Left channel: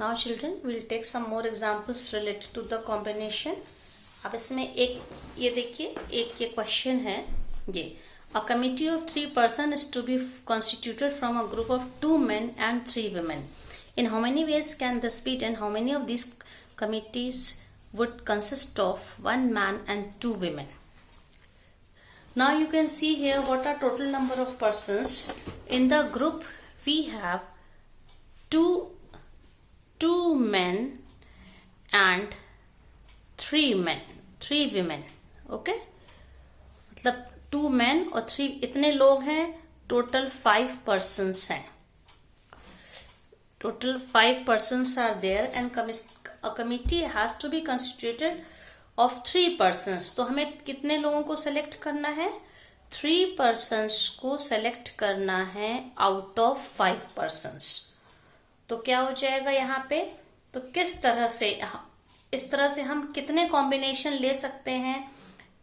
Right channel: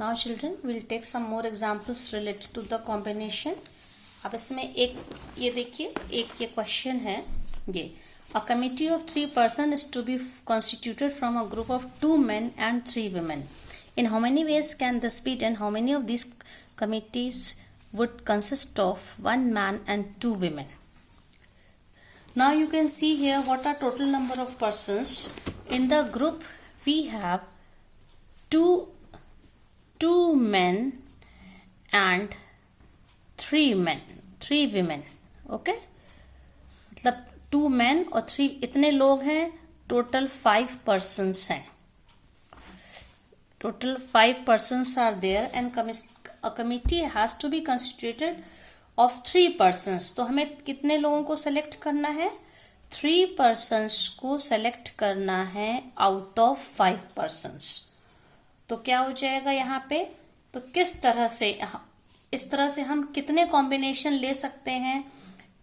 Now children, we'll take some more examples related to the combination. अब इसमें एक ये देखिए, एक ये क्वेश्चन है ये, a committee of 3 persons is to be constituted from a group of 2 men and 3 women. In how many ways can this be done? How many of these committees would consist of 1 man and 2 women? Now you can see here what are total number of persons. In the group we have two men and 3 women. Okay, मतलब 2 men और 3 इतने लोग हैं. Total 5 persons हैं. Total 5 persons are there and a committee has to be constituted of 3 persons. तो हमें कितने लोगों को सेलेक्ट करना है? 3 persons को सेलेक्ट करना है आउट ऑफ 5 persons. तो क्या हो जाएगा यहाँ पे? तो किस तरह से, इस तरह से हम कितने कॉम्बिनेशन ले सकते हैं,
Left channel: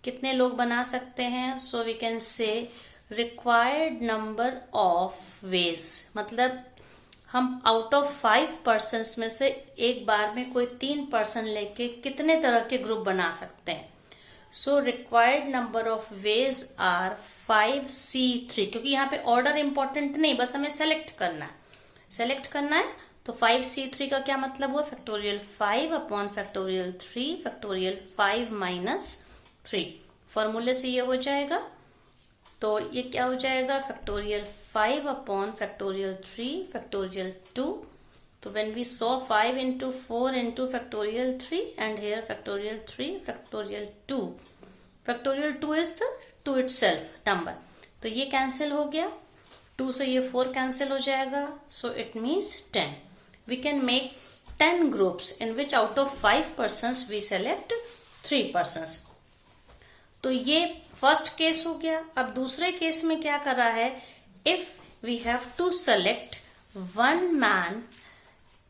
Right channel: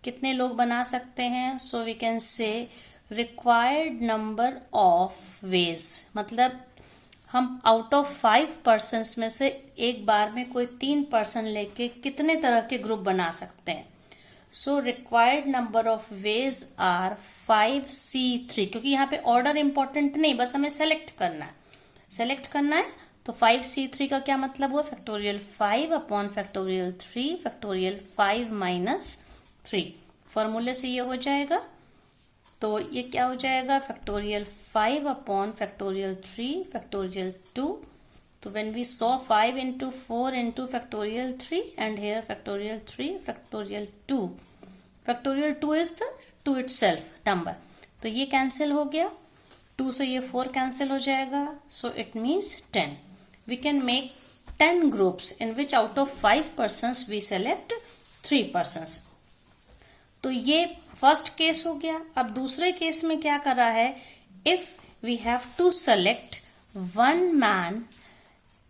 कितने लोग बना सकते हैं? So we can say required number of ways, मतलब हम आउट ऑफ 5 persons में से एक बार में कोई 3 person लेके कितने तरह के ग्रुप बना सकते हैं. So required number of ways are 5C3, क्योंकि यहाँ पे ऑर्डर इंपॉर्टेंट नहीं, बस हमें सेलेक्ट करना है. तो 5C3 का क्या मतलब हुआ? Factorial 5 upon factorial 3 factorial 5 minus 3. फॉर्मूले से ये हो जाएगा. तो ये क्या हो जाएगा? Factorial 5 upon factorial 3 factorial 2. तो when we saw 5 into 4 into factorial 3 and here factorial 3 factorial 2. Factorial 2 is the 2 itself number. तो ये कैंसिल हो गया. 2 से ये 4 कैंसिल हो जाएगा. So it means 10. We can make 10 groups in which out of 5 persons we select 3 persons. तो ये फर्स्ट केस हो गया. अब दूसरे केस में क्या कर रहा है? If we have to select 1 man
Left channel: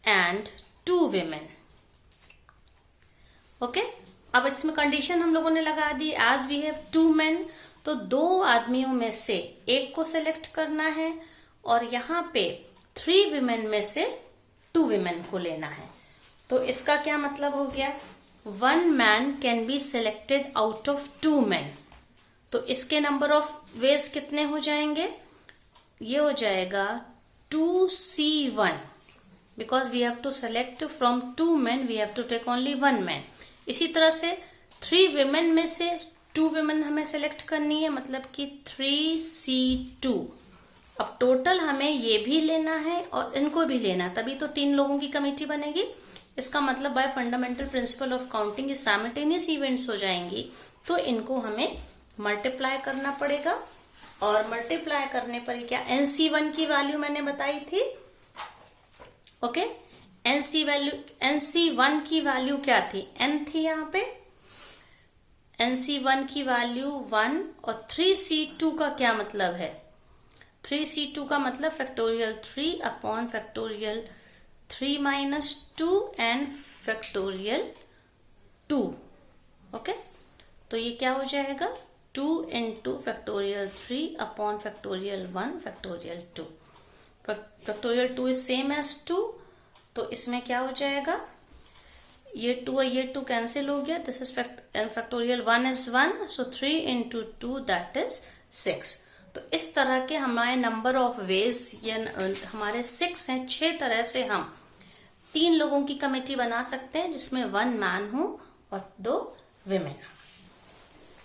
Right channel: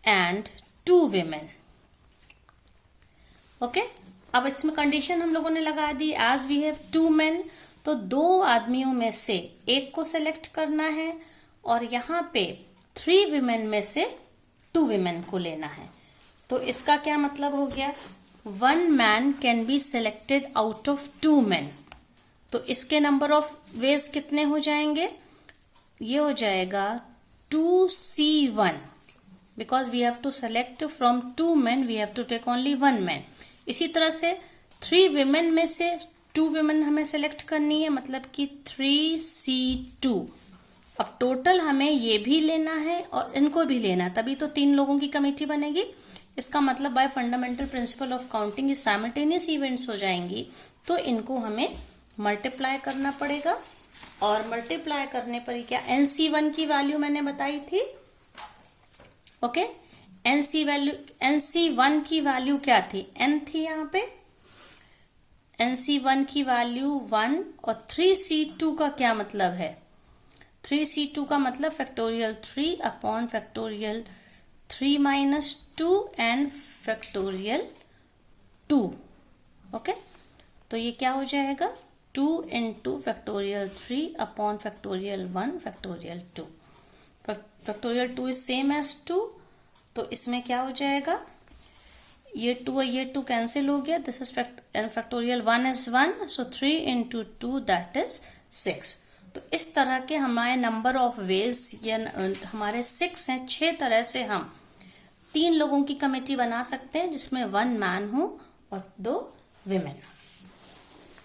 and 2 women. Okay, अब इसमें कंडीशन हम लोगों ने लगा दी. As we have 2 men, तो 2 आदमियों में से एक को सेलेक्ट करना है और यहाँ पे 3 women में से 2 women को लेना है. तो इसका क्या मतलब हो गया? 1 man can be selected out of 2 men. तो इसके नंबर ऑफ वेज कितने हो जाएंगे? ये हो जाएगा 2C1, because we have to select from 2 men, we have to take only 1 man. इसी तरह से 3 women में से 2 women हमें सेलेक्ट करनी है, मतलब कि 3C2. अब टोटल हमें ये भी लेना है और इनको भी लेना, तभी तो 3 लोगों की कमेटी बनेगी. इसका मतलब bye fundamental principle of counting simultaneous events हो जाएंगी, तो इनको हमें मल्टीप्लाई करना पड़ेगा. और मल्टीप्लाई करने पर क्या, NC1 की वैल्यू मैंने बताई थी. ओके, NC1 की वैल्यू क्या थी? N थी यहाँ पे. NC1 की वैल्यू 1 और 3C2 का क्या मतलब है? 3C2 का मतलब factorial 3 upon factorial 3 minus 2 and factorial 2. Okay, तो ये क्या हो जाएगा? 2 into factorial 3 upon factorial 1 factorial 2. Factorial 2 is same as 2, तो इसमें क्या हो जाएगा? ये 2 और ये 2 कैंसिल हो गया. This is factorial 1 is 1, so 3 into 2 that is 6. तो इस तरह के हमारे नंबर ऑफ वेज या हमारे 6 हैं. 6 तरह से हम 3 लोगों की कमेटी बना सकते हैं जिसमें 1 मैन हो और 2 विमेन.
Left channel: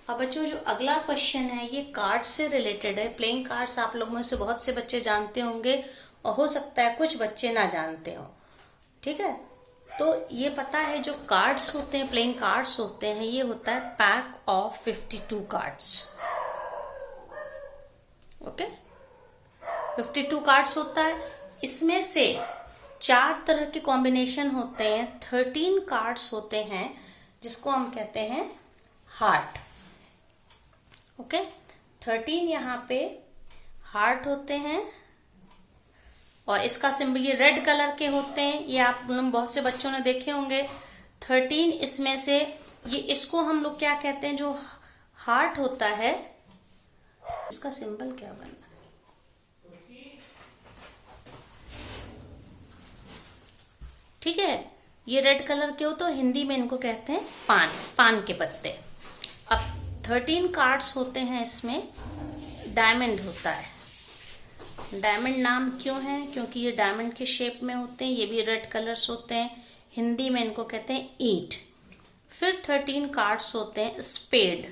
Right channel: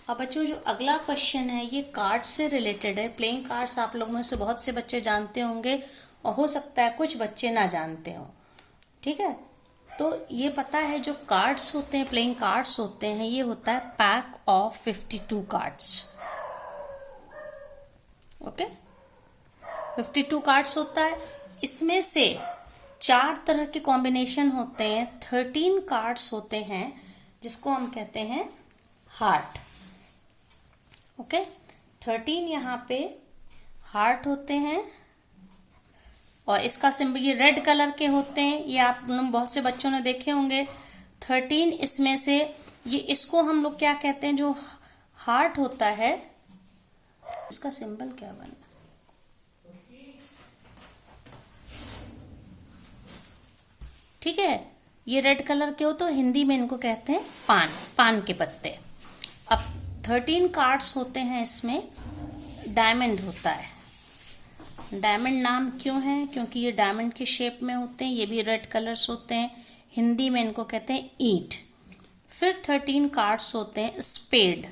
अब बच्चों, जो अगला क्वेश्चन है ये कार्ड से रिलेटेड है. प्लेइंग कार्ड्स आप लोगों में से बहुत से बच्चे जानते होंगे और हो सकता है कुछ बच्चे ना जानते हो. ठीक है, तो ये पता है जो कार्ड्स होते हैं, प्लेइंग कार्ड्स होते हैं, ये होता है pack of 52 cards. Okay, 52 cards होता है. इसमें से 4 तरह के कॉम्बिनेशन होते हैं. 13 कार्ड्स होते हैं जिसको हम कहते हैं हार्ट. ओके, 13 यहाँ पे हार्ट होते हैं और इसका सिंबल ये रेड कलर के होते हैं. ये आप बहुत से बच्चों ने देखे होंगे. 13 इसमें से ये, इसको हम लोग क्या कहते हैं? जो हार्ट होता है इसका सिंबल क्या बनना? ठीक ठीक है, ये रेड कलर के हो तो हिंदी में इनको कहते हैं पान, पान के पत्ते। अब 13 कार्ड्स होते हैं, इसमें डायमंड होता है। डायमंड नाम क्यों है? क्योंकि ये डायमंड के शेप में होते हैं, ये भी रेड कलर्स होते हैं। हिंदी में इनको कहते हैं ईंट। फिर 13 कार्ड्स होते हैं स्पेड।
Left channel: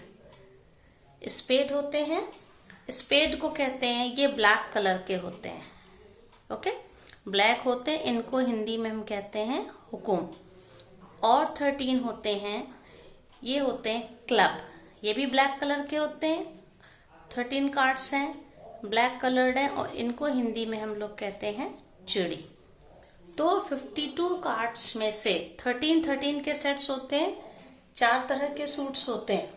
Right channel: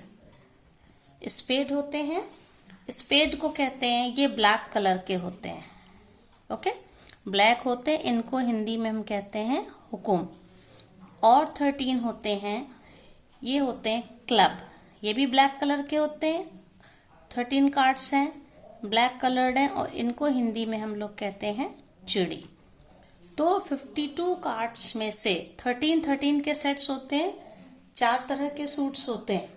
स्पेड होते हैं, स्पेड को कहते हैं, ये ब्लैक कलर के होते हैं। ओके, ब्लैक होते हैं, इनको हिंदी में हम कहते हैं हुकुम। और 13 होते हैं, ये होते हैं क्लब। ये भी ब्लैक कलर के होते हैं। 13 कार्ड्स हैं, ब्लैक कलर्ड हैं, और इनको हिंदी में हम लोग कहते हैं चिड़ी। तो 52 कार्ड्स में से 13 के सेट्स होते हैं, 4 तरह के सूट्स होते हैं।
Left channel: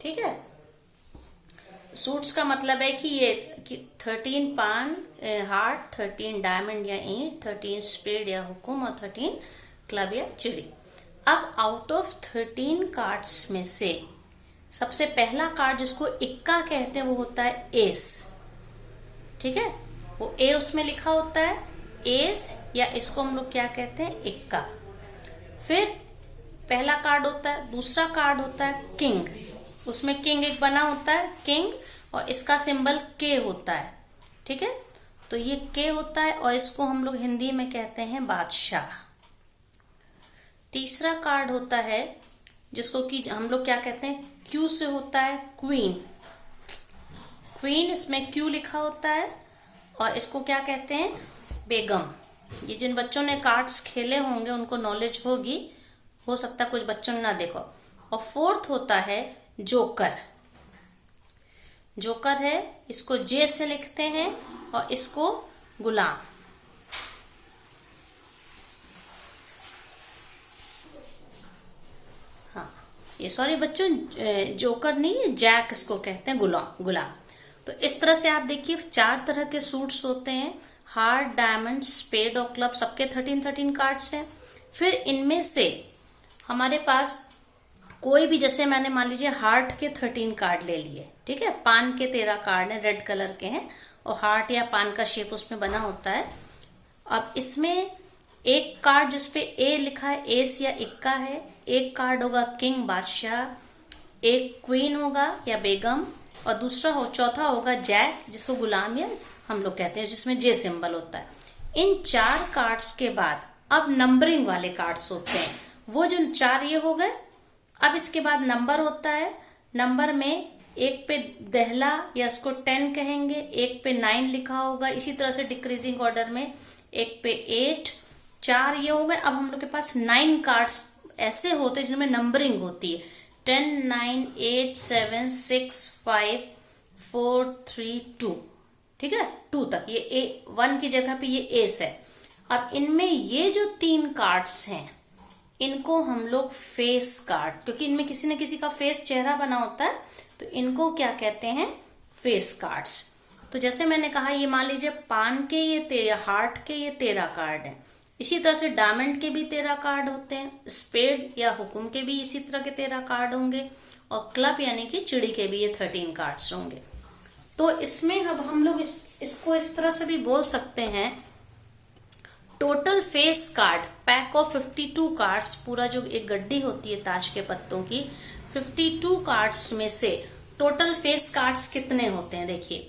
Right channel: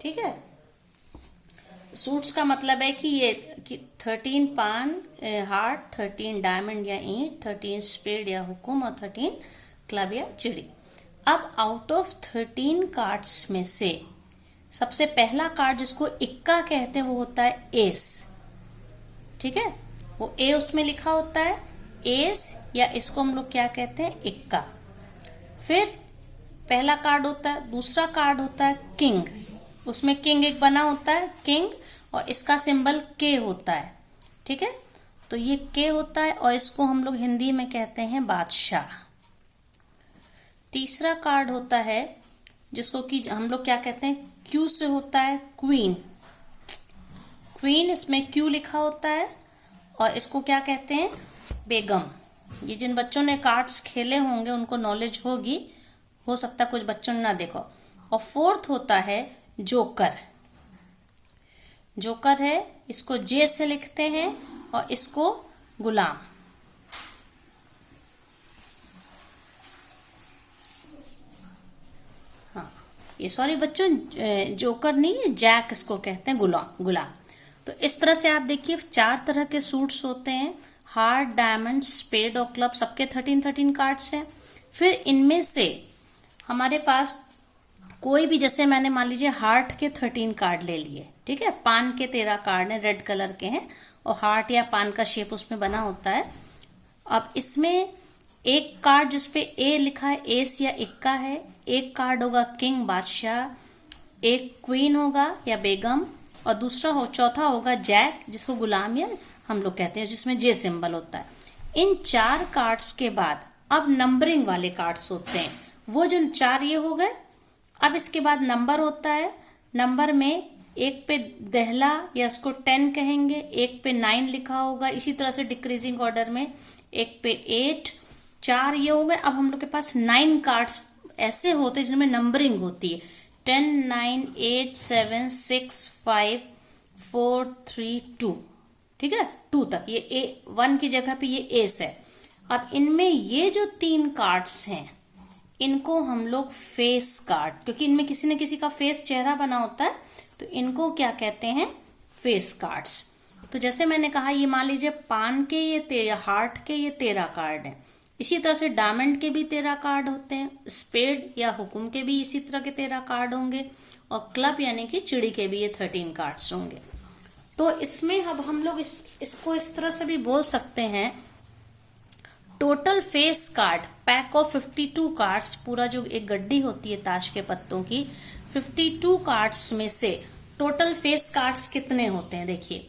ठीक है, सूट्स का मतलब है कि ये 13 पान हार्ट, 13 डायमंड या ईंट, 13 स्पेड या हुकुम, और 13 क्लब या चिड़ी। अब आउट ऑफ 13 कार्ड्स में से सबसे पहला कार्ड जिसको इक्का कहते हैं वो होता है एस। ठीक है, वो ए उसमें लिखा होता है एस, या इसको हम लोग क्या कहते हैं इक्का। फिर पहला कार्ड होता है, दूसरा कार्ड होता है किंग। उसमें किंग एक बना होता है किंग, और इसका सिंबल के होता है। ठीक है, तो ये के होता है, और इसको हम लोग हिंदी में कहते हैं बादशाह। तीसरा कार्ड होता है जिसको कि हम लोग क्या कहते हैं क्यू से होता है क्वीन। क्वीन, इसमें क्यू लिखा होता है, और इसको क्या कहते हैं बेगम। ये जिन बच्चों ने कार्ड्स खेले होंगे उनको नॉलेज होगी, हो सकता है कुछ बच्चों ने ना देखो। और फोर्थ होता है जोकर। जोकर है, इसको जे से लिखते हैं, और इसको गुलाम। हाँ, ये सॉरी बच्चों, जोकर नहीं है, जैक इसको कहते हैं, गुलाम गुलाम। तो इस तरह से आप देखिए 4 तरह के सूट्स होते हैं, हार्ट, डायमंड, स्पेड और क्लब, सबके 13 कार्ड्स हैं। फिर इनमें से हमारे पास कोई भी, जैसे मैंने मान लीजिए हार्ट के 13 कार्ड ले लिए। ठीक है, पान के 13 कार्ड हैं, रेड कलर के हैं, और हार्ट या पान का शेप उसमें बना होता है। अब इसमें एक कार्ड जिसपे ए लिखा है, एस या इक्का है। एक कार्ड होगा किंग बादशाह, एक क्वीन होगा या बेगम, और दूसरा चौथा होगा जैक, जिसको गुलाम या हम लोग कहते हैं, जिसमें जे सिंबल होता है। इन 4 कार्ड्स के बाद अब नंबरिंग वाले कार्ड्स होते हैं, वो जो 4 ये हो गए। अब इसके बाद नंबर होता है। नंबर में एक पे दहला या उसको 10 कहेंगे, एक पे 9 लिखा होगा, इसी तरह से डिक्रीजिंग ऑर्डर में, एक पे 8, 4 ये हो गए। अब हम लोग के पास 9 कार्ड्स ऐसे होते हैं जिनमें नंबरिंग होती है, 10, 9, 8, 7, 6, 5, 4, 3, 2। ठीक है, 2 तक, ये ए 1 की जगह पे ये एस है। अब इनमें ये जो 3 कार्ड्स हैं, इनको हम लोग फेस कार्ड, क्योंकि इनमें किसी न किसी का फेस, चेहरा बना होता है, तो इनको क्या कहते हैं फेस कार्ड्स। तो जैसे मैंने कहा, ये मान लीजिए पान के ये 13, हार्ट के ये 13 कार्ड हैं। इसी तरह से डायमंड के भी 13 कार्ड होते हैं, स्पेड या हुकुम के भी इसी तरह के 13 कार्ड होंगे, और क्लब यानी कि चिड़ी के भी ये 13 कार्ड्स होंगे। तो इसमें अब हम लोग इसको इस तरह से भी बोल सकते हैं, total face card pack of 52 cards, पूरा जो एक गड्डी होती है ताश के पत्तों की, 52 कार्ड्स में से टोटल फेस कार्ड्स कितने होते हैं। देखिए,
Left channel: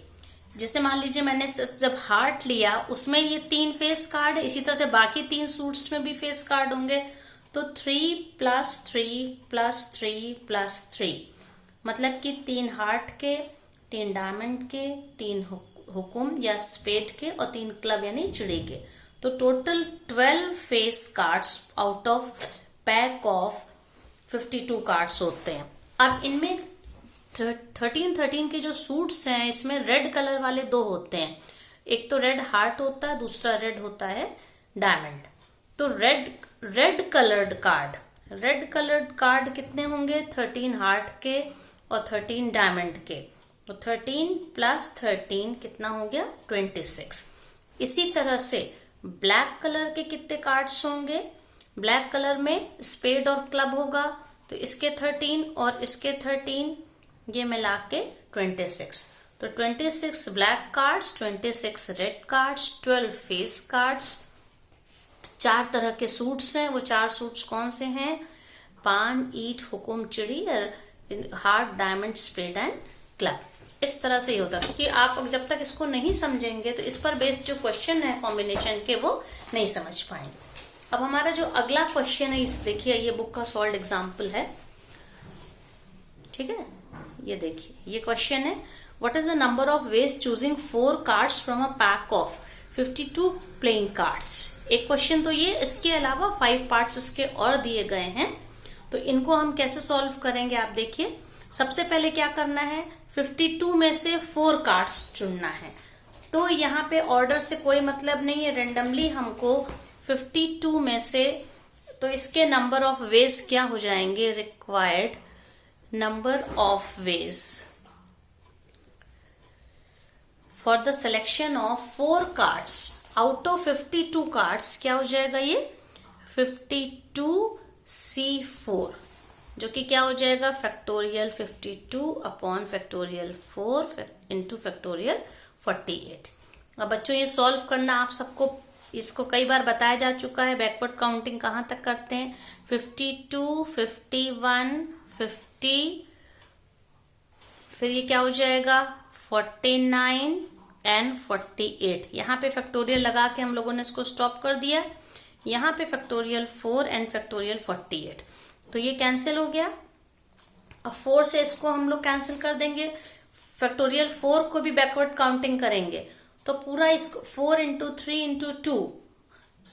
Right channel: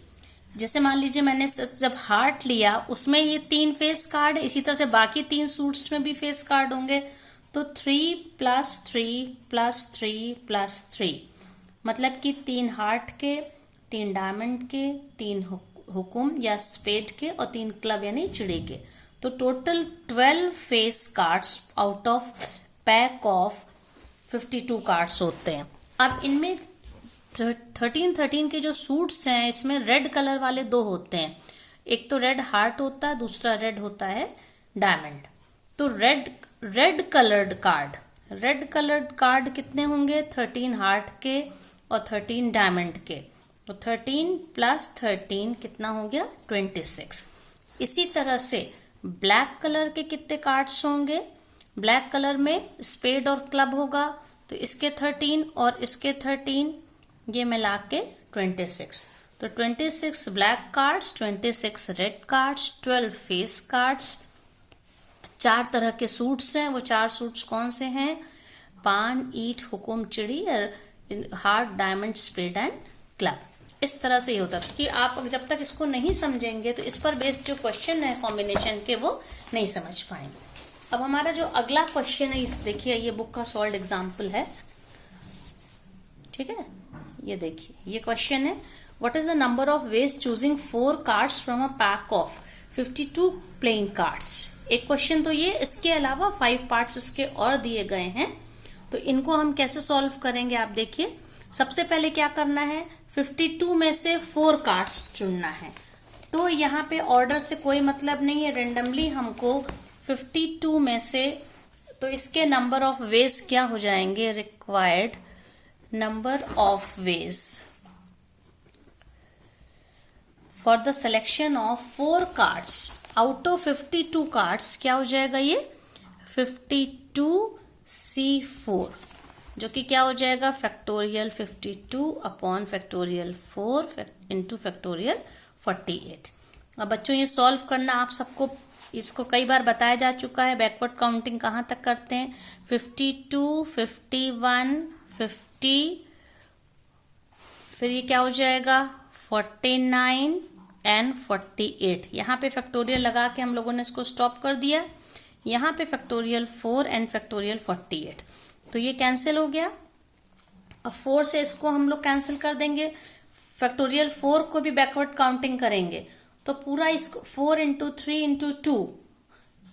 जैसे मान लीजिए मैंने जब हार्ट लिया, उसमें ये 3 फेस कार्ड है, इसी तरह से बाकी 3 सूट्स में भी फेस कार्ड होंगे। तो 3 + 3 + 3 + 3, मतलब कि 3 हार्ट के, 3 डायमंड के, 3 हुकुम या स्पेड के, और 3 क्लब यानी चिड़ी के। तो total 12 face cards out of pack of 52 cards होते हैं। अब इनमें 13 के जो सूट्स हैं, इसमें रेड कलर वाले 2 होते हैं। एक तो रेड हार्ट होता है, दूसरा रेड होता है डायमंड। तो रेड कलर्ड कार्ड कितने होंगे? 13 हार्ट के और 13 डायमंड के। तो 13 + 13 कितना हो गया? 26। इसी तरह से ब्लैक कलर के कितने कार्ड्स होंगे? ब्लैक कलर में स्पेड और क्लब होगा, तो इसके 13 और इसके 13, ये मिला के 26। तो 26 black cards, 26 red cards, 12 face cards, 4 तरह के सूट्स हैं। वो 4 सूट्स कौन से हैं? पान, ईट, हुकुम, चिड़ी और heart, diamond, spade and club. इस तरह से ही होता है, क्योंकि आप जब तक इसको नहीं समझेंगे तो इस पर बेस्ड जो क्वेश्चन है कॉम्बिनेशन के वो नहीं समझ पाएंगे। अब हमारा जो अगला क्वेश्चन है, इस देखिए ये बुक का सॉल्व एग्जाम्पल है, ठीक है। ये देखिए ये क्वेश्चन है, what is the number of veg choosing 4 cards from a pack of 52 playing cards. एक क्वेश्चन तो ये, इसके अलावा 5 पार्ट्स इसके और दिए गए हैं। तो इनको हम कैसे सॉल्व करेंगे आप देखिए। सबसे पहले क्या करना है, 52 में से 4 कार्ड्स चुनना है। तो यहाँ पे ऑर्डर से कोई मतलब नहीं है, रेंडमली हमको 52 में से, तो इसके नंबर ऑफ वेज क्या हो जाएंगे, required number of ways for the selection of 4 cards out of 52 cards क्या हो जाएगा, ये 52C4, जो कि क्या हो जाएगा, factorial 52 upon factorial 4 into factorial 48। अब बच्चों ये सॉल्व करना आप सबको, इसको कई बार बताया जा चुका है। बैकवर्ड काउंटिंग कहाँ तक करते हैं, 52, 51, 50, फिर ये क्या हो जाएगा 49 एंड 48। यहाँ पे फैक्टोरियल लगा के हम लोगों ने इसको स्टॉप कर दिया। यहाँ पे फैक्टोरियल 4 एंड फैक्टोरियल 48, तो ये कैंसिल हो गया। अब 4 से इसको हम लोग कैंसिल कर देंगे, फैक्टोरियल 4 को भी बैकवर्ड काउंटिंग करेंगे, तो पूरा इसको 4 इंटू 3 इंटू 2,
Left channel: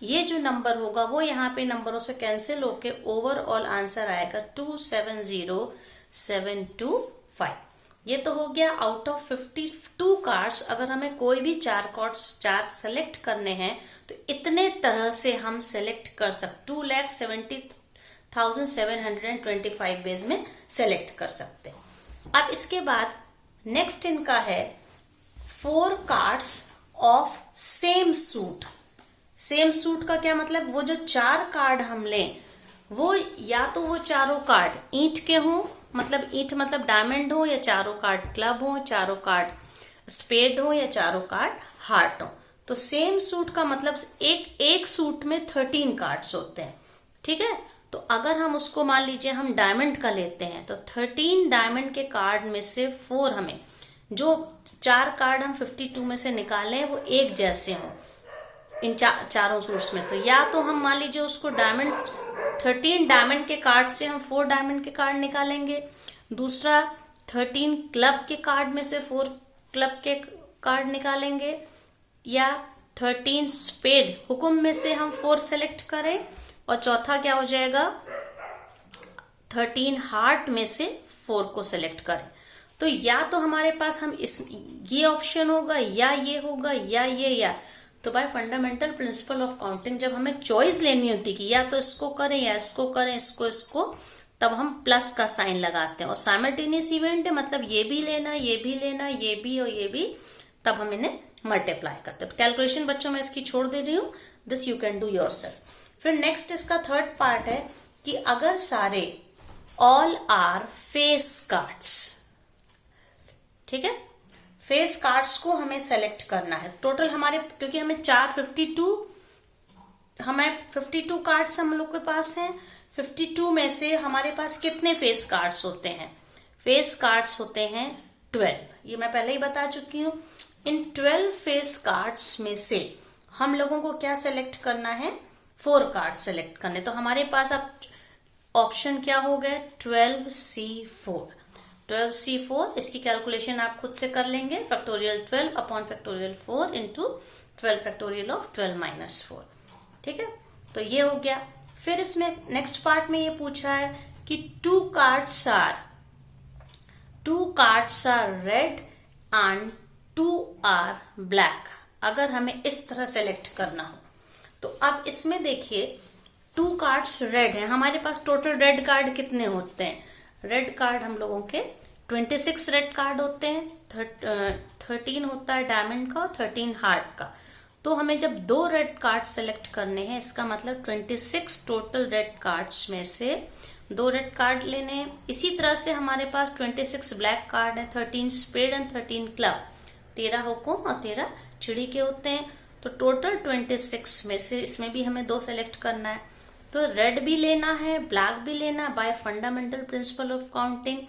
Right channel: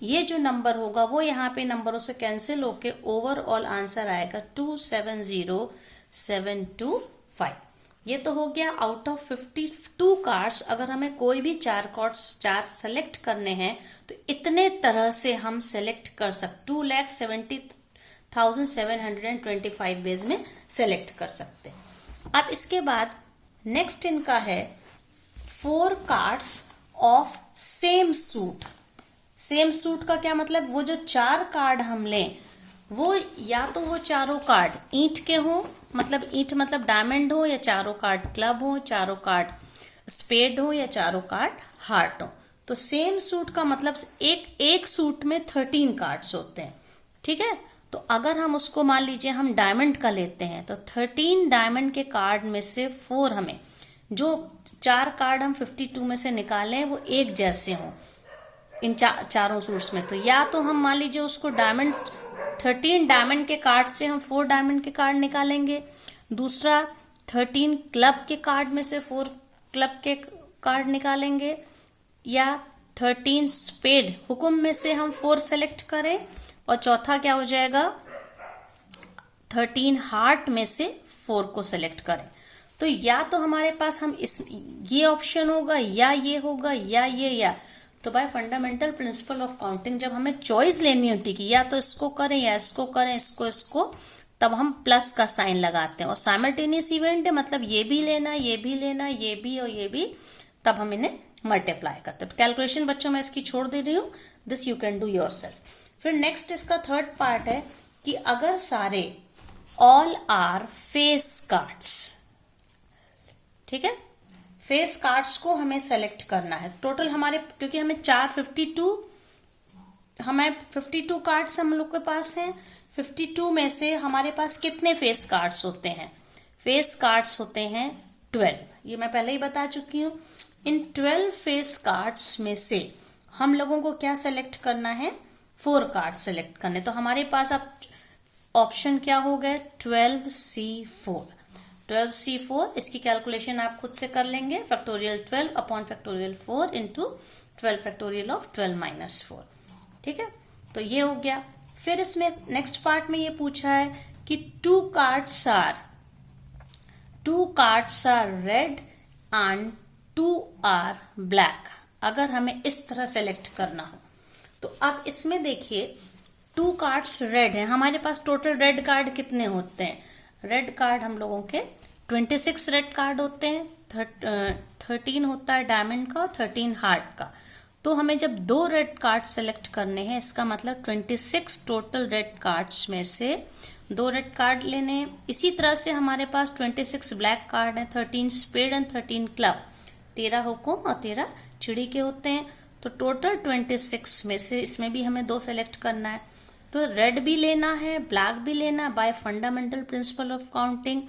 ये जो नंबर होगा वो यहाँ पे नंबरों से कैंसिल होके ओवरऑल आंसर आएगा 270725। ये तो हो गया आउट ऑफ 52 कार्ड्स। अगर हमें कोई भी 4 सेलेक्ट करने हैं तो इतने तरह से हम सेलेक्ट कर सकते, 2,70,725 वेज में सेलेक्ट कर सकते हैं। अब इसके बाद नेक्स्ट इनका है 4 cards of same suit. Same suit का क्या मतलब, वो जो 4 कार्ड हम लें वो या तो वो चारों कार्ड ईंट के हो, मतलब ईंट मतलब डायमंड हो, या चारों कार्ड क्लब हो, चारों कार्ड स्पेड हो, या चारों कार्ड हार्ट हो। तो सेम सूट का मतलब एक सूट में 13 कार्ड्स होते हैं, ठीक है। तो अगर हम उसको मान लीजिए हम डायमंड का लेते हैं, तो 13 डायमंड के कार्ड में से 4 हमें, जो 4 कार्ड हम 52 में से निकालें वो एक जैसे हों इन चारों सूट्स में। तो या तो हम मान लीजिए उसको डायमंड 13 डायमंड के कार्ड से हम 4 डायमंड के कार्ड निकालेंगे, दूसरा 13 क्लब के कार्ड में से 4 क्लब के कार्ड निकालेंगे, या 13 स्पेड हुकुम में से हम 4 सेलेक्ट करें, और चौथा क्या हो जाएगा 13 हार्ट में से 4 को सेलेक्ट करें। तो या तो हमारे पास हम ये ऑप्शन होगा, या ये होगा, या ये, या तो bye fundamental principle of counting जब हमें चॉइस लेनी होती कि या तो इसको करें या इसको करें, इसको, तब हम प्लस का साइन लगाते हैं। और साइमल्टेनियस इवेंट है, मतलब ये भी लेना, ये भी लेना, ये भी और ये भी, तब हम इन्हें मल्टीप्लाई करते हैं। कैलकुलेशन बच्चों मैं इसकी छोड़ दे रही हूँ, this you can do yourself. फिर नेक्स्ट इसका थर्ड पार्ट है कि अगर सारे ऑल आर फेस कार्ड्स, ठीक है, फेस कार्ड्स को हमें सेलेक्ट करना है। टोटल हमारे, क्योंकि हमें 52 कार्ड्स हम लोग के पास हैं, 52 में से हमारे पास कितने फेस कार्ड्स होते हैं, फेस कार्ड्स होते हैं 12। ये मैं पहले ही बता चुकी हूँ। इन 12 फेस कार्ड्स में से हम लोगों को क्या सेलेक्ट करना है, 4 कार्ड सेलेक्ट करने। तो हमारे पास अब ऑप्शन क्या हो गया 12C4। 12C4 इसकी कैलकुलेशन आप खुद से कर लेंगे, factorial 12 upon factorial 4 into 12 factorial of 12 minus 4, ठीक है। तो ये हो गया। फिर इसमें नेक्स्ट पार्ट में ये पूछा है कि 2 cards are red and 2 are black. अगर हमें इस तरह सेलेक्ट करना हो तो अब इसमें देखिए 2 कार्ड्स रेड है, हमारे पास टोटल रेड कार्ड कितने होते हैं, रेड कार्ड हम लोगों के 26 रेड कार्ड होते हैं, 13 होता है डायमंड का और 13 हार्ट का। तो हमें जब 2 रेड कार्ड सेलेक्ट करने हैं, इसका मतलब 26 टोटल रेड कार्ड्स में से 2 रेड कार्ड लेने हैं। इसी तरह से हमारे पास 26 ब्लैक कार्ड है, 13 स्पेड एंड 13 क्लब, 13 हुकुम और 13 चिड़ी के होते हैं। तो टोटल 26 में से इसमें भी हमें 2 सेलेक्ट करना है। तो रेड भी लेना है, ब्लैक भी लेना है। By fundamental principle of counting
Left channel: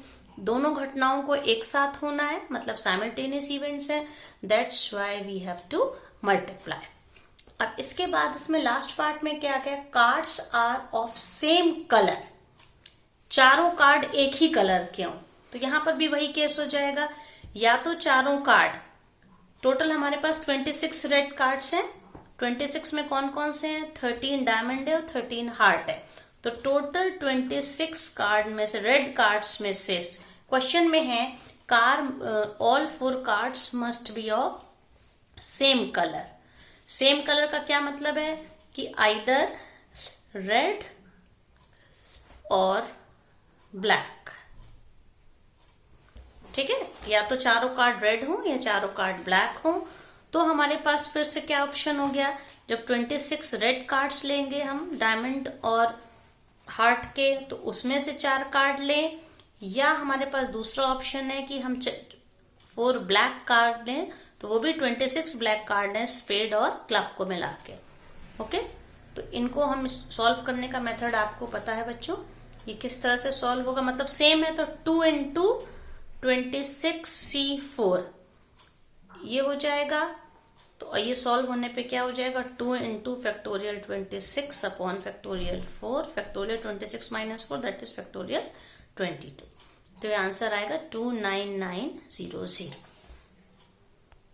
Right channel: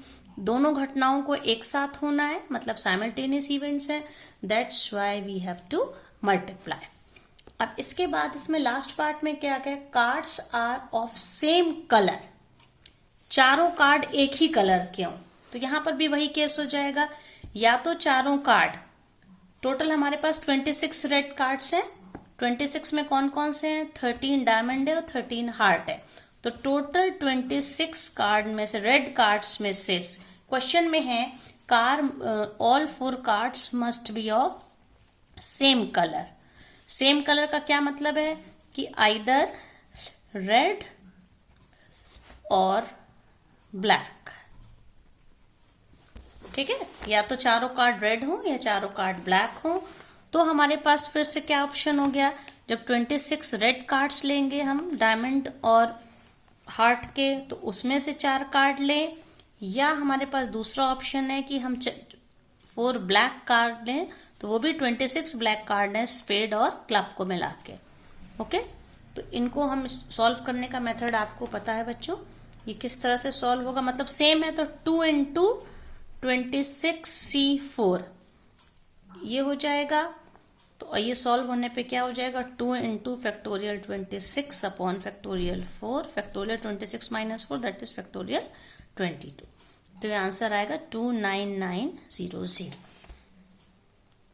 दोनों घटनाओं को एक साथ होना है, मतलब साइमल्टेनियस इवेंट्स हैं। That's why we have to multiply. अब इसके बाद इसमें लास्ट पार्ट में क्या क्या, cards are of same colour, चारों कार्ड एक ही कलर के हों। तो यहां पर भी वही केस हो जाएगा, या तो चारों कार्ड, टोटल हमारे पास 26 रेड कार्ड्स हैं। 26 में कौन कौन से हैं, 13 डायमंड है और 13 हार्ट है। तो टोटल 26 कार्ड में से, रेड कार्ड्स में से, क्वेश्चन में है all 4 cards must be of same colour. Same colour का क्या मतलब है कि आइदर रेड और ब्लैक, ठीक है, या तो चारों कार्ड रेड हो या चारों कार्ड ब्लैक हो। तो हमारे पास फिर से क्या ऑप्शन हो गया, जब 26 रेड कार्ड्स लेंगे हम डायमंड और हार्ट के, तो उसमें से 4 कार्ड लें, या हमारे पास दूसरा ऑप्शन है कि हम 4 ब्लैक कार्ड लें, तो वो भी 26 ब्लैक कार्ड है स्पेड और क्लब को मिला के। ओके, तो इनको हम सॉल्व करने का मेथड आपको पता है बच्चों, ये किस तरह से सॉल्व होगा, मतलब सेम है। तो 2 इंटू 26C4 ये हो जाएगा। तो ये सॉल्व होने पे क्या हो जाएगा, 2 into factorial 26 upon factorial 4, factorial 26 minus 4 that is factorial 22। तो ये आंसर आएगा 29900।